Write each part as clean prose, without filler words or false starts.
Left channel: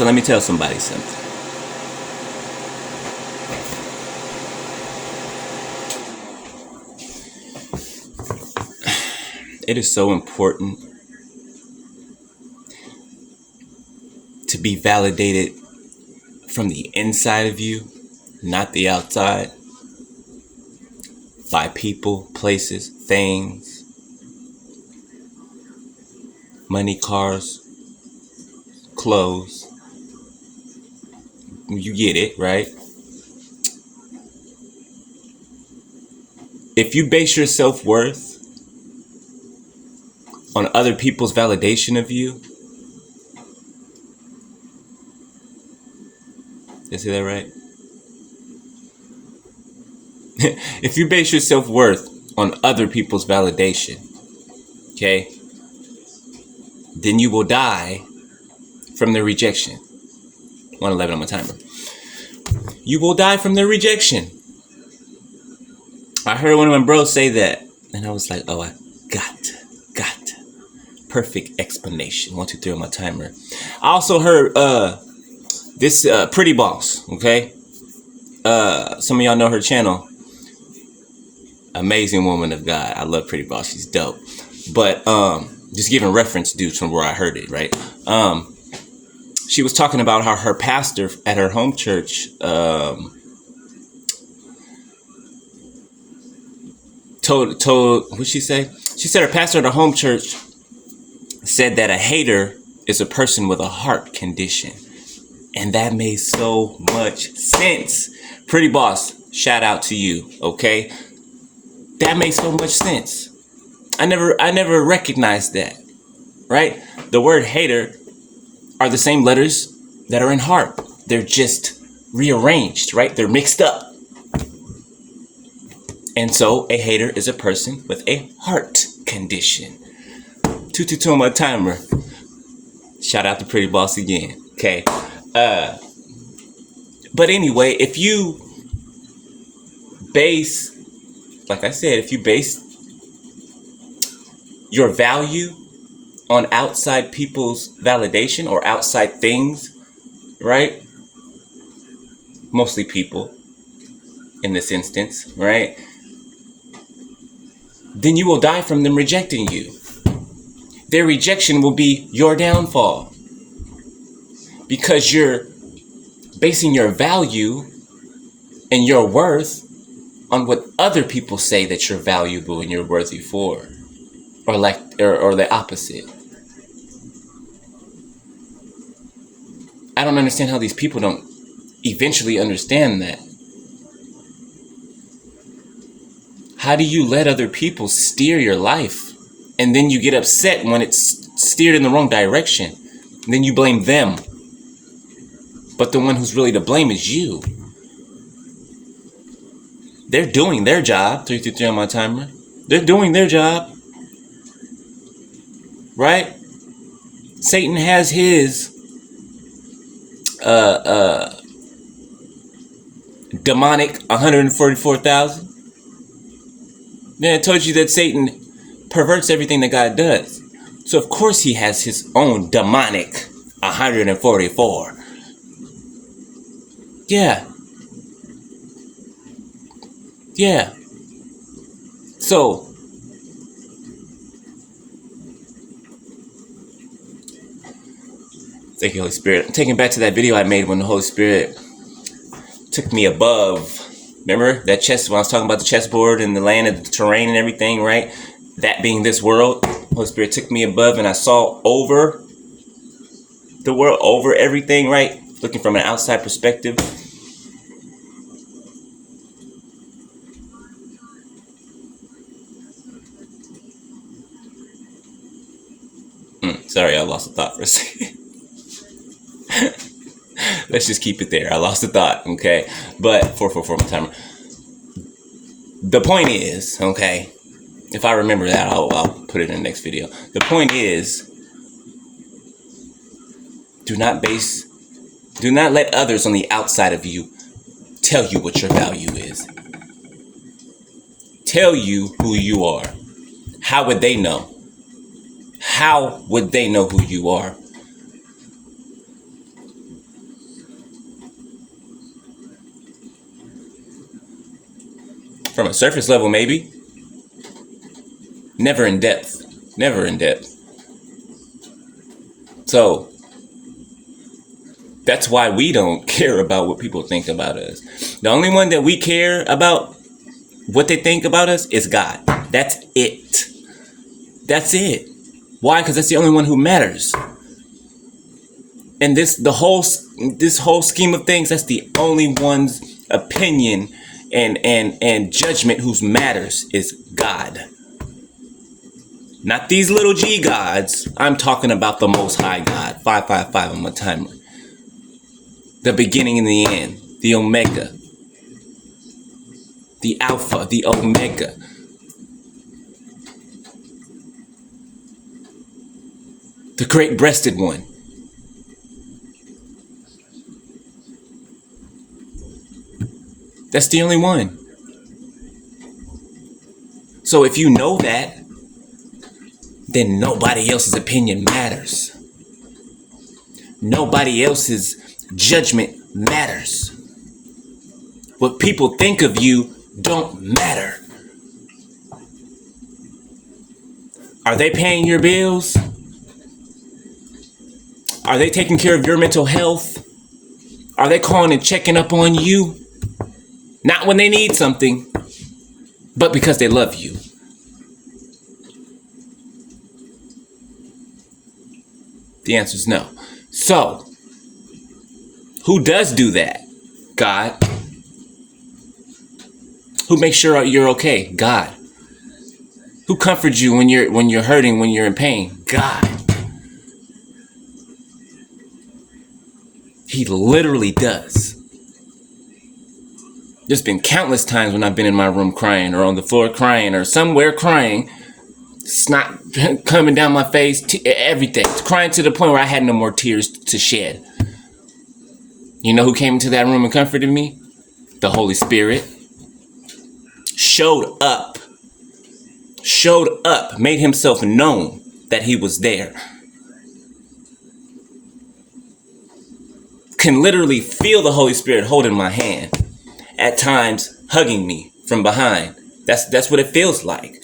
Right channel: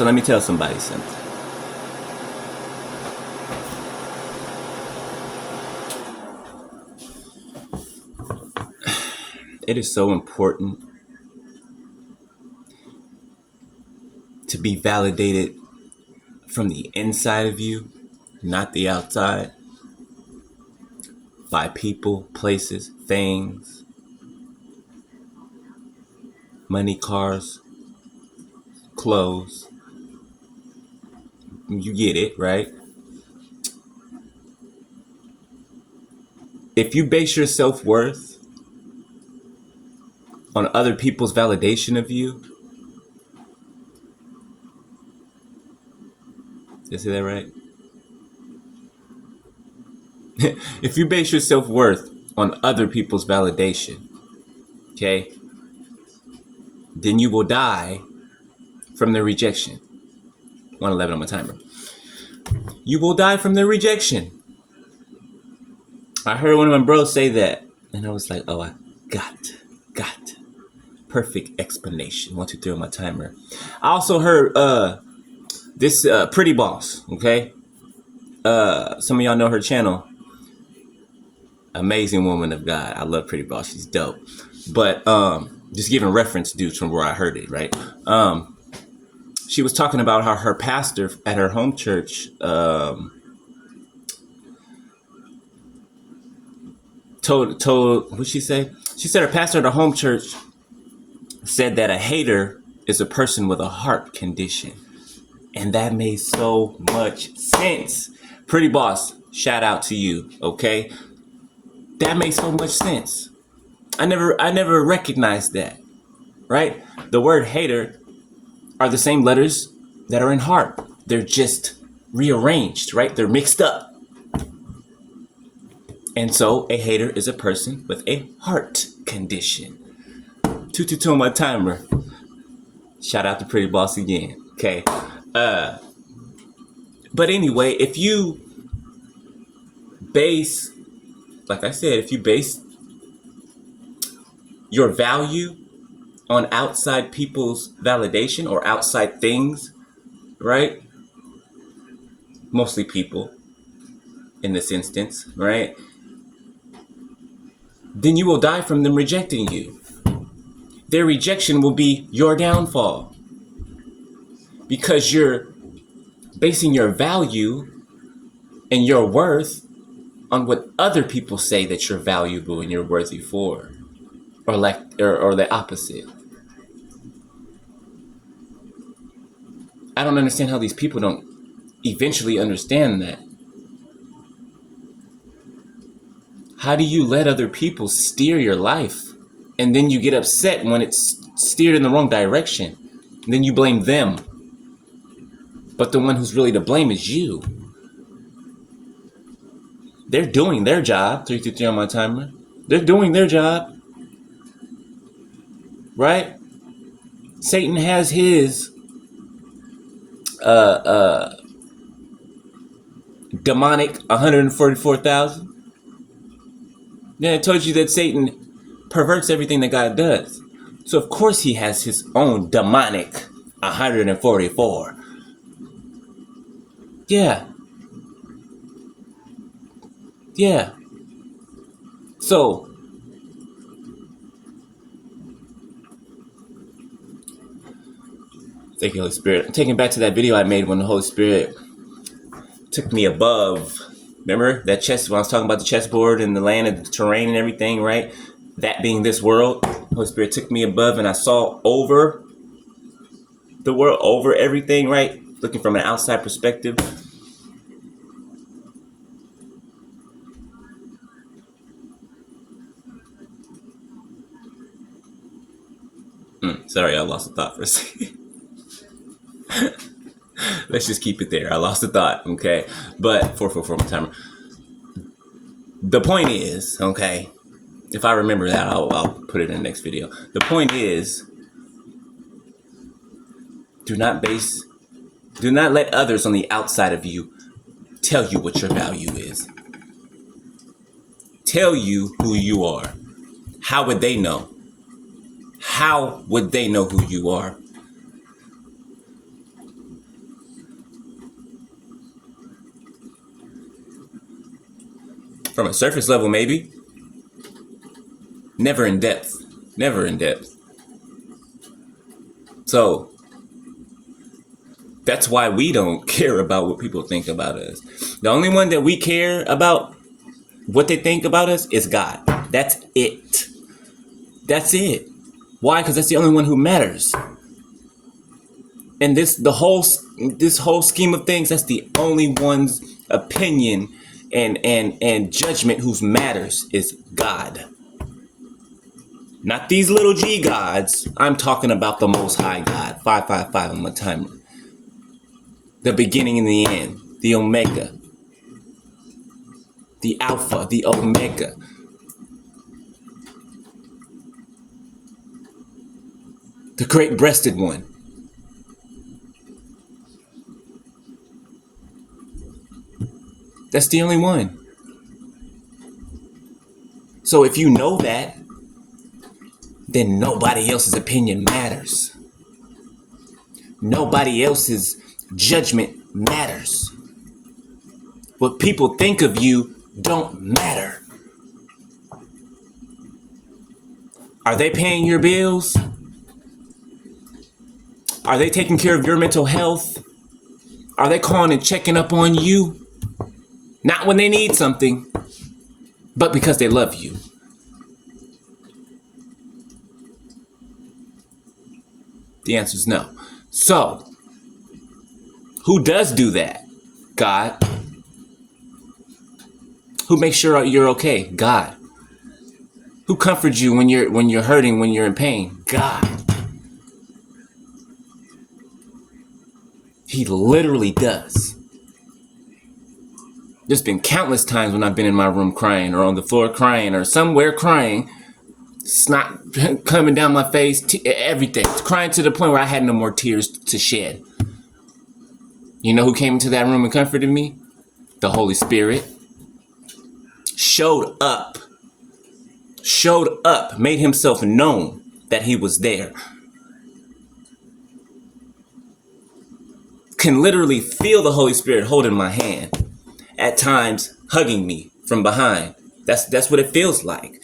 So let me tell somebody something. It is so important to be validated from the inside of you, not the outside, by people, places, things, money, cars, clothes. You get it, right? If you base your self-worth on other people's validation of you, did I say that right? If you base your self-worth on other people's validation, okay, then you will die from their rejection. 111 on my timer. You will die from their rejection. I heard one of my bros say that, and I was like, oh, I got. Perfect explanation. 1, 2, 3 on my timer. I also heard this Pretty Boss, okay? Some of y'all know her channel. Amazing woman of God. I love Pretty Boss. She's dope. But just giving reference due from where I heard it, right? She was talking about how her pastor at her home church told what'd she say? She said her pastor at her home church said that a hater is a person with a heart condition. And that made so much sense. Pretty Boss, shout out to you, okay? That makes so much sense. I never recognized that, right? The word hater are the same letters that are in heart. They're just rearranged, right? They're mixed up. And so a hater is a person with a heart condition. 222 on my timer. Shout out to Pretty Boss again, okay? But anyway, if you base, like I said, if you base your value on outside people's validation or outside things, right? Mostly people in this instance, right? Then you will die from them rejecting you. Their rejection will be your downfall because you're basing your value and your worth on what other people say that you're valuable and you're worthy for, or the opposite. I don't understand how these people don't eventually understand that. How do you let other people steer your life and then you get upset when it's steered in the wrong direction? And then you blame them. But the one who's really to blame is you. They're doing their job. 333 on my timer. They're doing their job. Right? Satan has his demonic 144,000. Yeah, I told you that Satan perverts everything that God does. So of course he has his own demonic 144. Yeah. So thank you, Holy Spirit. I'm taking back to that video I made when the Holy Spirit took me above. Remember that when I was talking about the chessboard and the land and the terrain and everything, right? That being this world, the Holy Spirit took me above and I saw over the world, over everything, right? Looking from an outside perspective. Sorry, I lost a thought for a second. Let's just keep it there. I lost the thought, okay? But 444 my timer. The point is, okay, if I remember that, I'll put it in the next video. The point is, do not let others on the outside of you tell you what your value is. Tell you who you are. How would they know? How would they know who you are? From a surface level, maybe. Never in depth. Never in depth. So that's why we don't care about what people think about us. The only one that we care about what they think about us is God. That's it. That's it. Why? Because that's the only one who matters. And this whole scheme of things, that's the only one's opinion and judgment whose matters is God. Not these little G gods. I'm talking about the Most High God. 555 on my timer. The beginning and the end. The Omega. The Alpha. The Omega. The great-breasted one. That's the only one. So if you know that, then nobody else's opinion matters. Nobody else's judgment matters. What people think of you don't matter. Are they paying your bills? Are they taking care of your mental health? Are they calling and checking up on you? Not when they need something, but because they love you. The answer is no. So, who does do that? God. Who makes sure you're okay? God. Who comforts you when you're hurting, when you're in pain? God. He literally does. There's been countless times when I've been in my room crying, or on the floor crying, or somewhere crying, snot coming down my face, everything. Crying to the point where I had no more tears to shed. You know who came into that room and comforted me? The Holy Spirit. Showed up, made himself known that he was there. Can literally feel the Holy Spirit holding my hand. At times, hugging me from behind. That's what it feels like.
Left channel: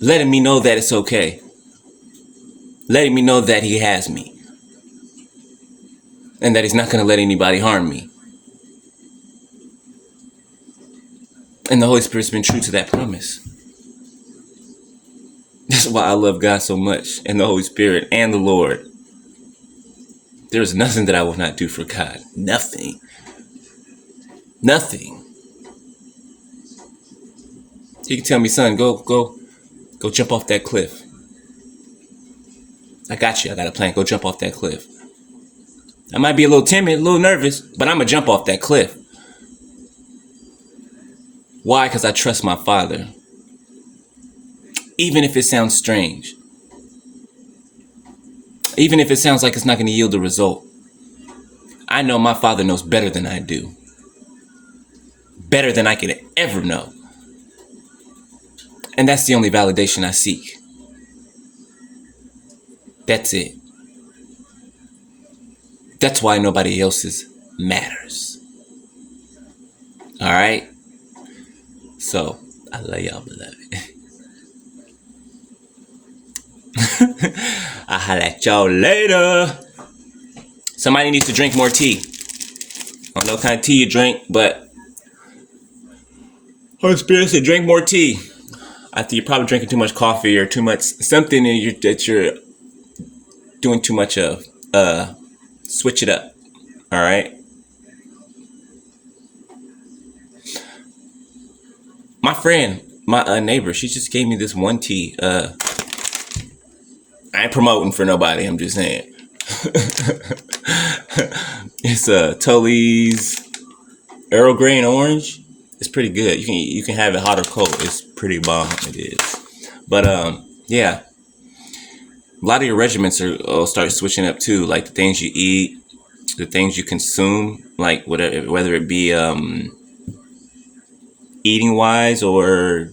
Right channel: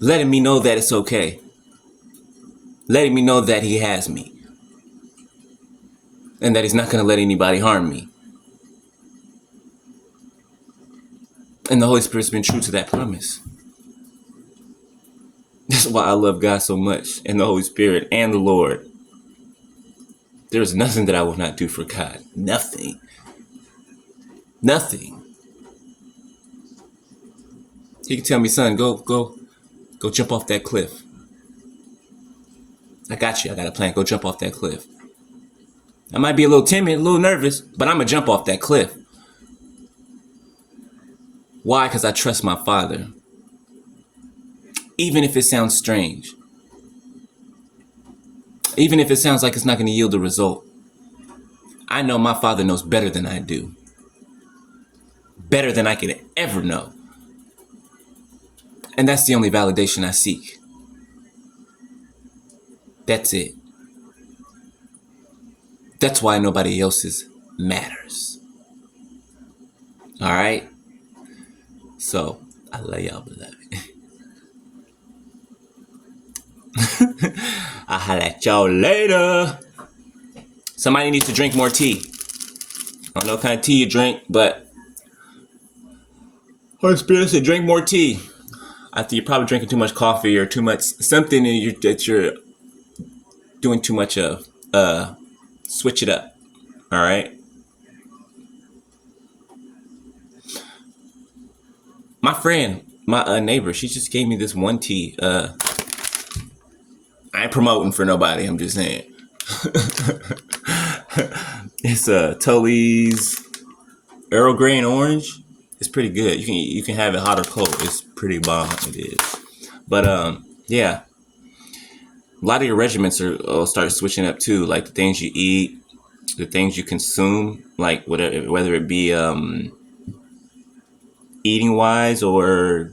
Letting me know that it's okay. Letting me know that he has me. And that he's not going to let anybody harm me. And the Holy Spirit's been true to that promise. That's why I love God so much, and the Holy Spirit, and the Lord. There's nothing that I will not do for God. Nothing. Nothing. He can tell me, son, go jump off that cliff. I got you. I got a plan. Go jump off that cliff. I might be a little timid, a little nervous, but I'm going to jump off that cliff. Why? Because I trust my Father. Even if it sounds strange. Even if it sounds like it's not going to yield a result. I know my Father knows better than I do. Better than I could ever know. And that's the only validation I seek. That's it. That's why nobody else's matters. All right? So, I love y'all, beloved. I'll holla at y'all later. Somebody needs to drink more tea. I don't know what kind of tea you drink, but Holy Spirit said drink more tea. I think you're probably drinking too much coffee or too much something that you're doing too much of. Switch it up. All right. My friend, my neighbor, she just gave me this one tea. I ain't promoting for nobody. I'm just saying. It's Tully's Earl Grey and Orange. It's pretty good. You can have it hot or cold. It's pretty bomb. It is. But yeah. A lot of your regiments will start switching up too, like the things you eat, the things you consume, like whether it be eating wise or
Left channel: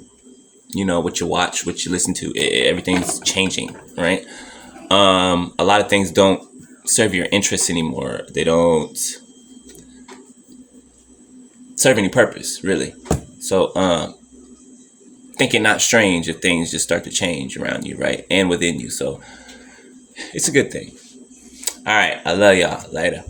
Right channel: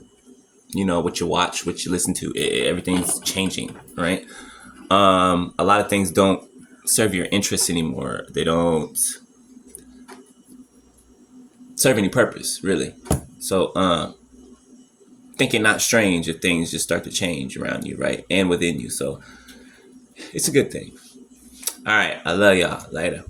what you watch, what you listen to. Everything's changing, right? A lot of things don't serve your interests anymore. They don't serve any purpose, really. So think it not strange if things just start to change around you, right? And within you. So it's a good thing. All right. I love y'all. Later.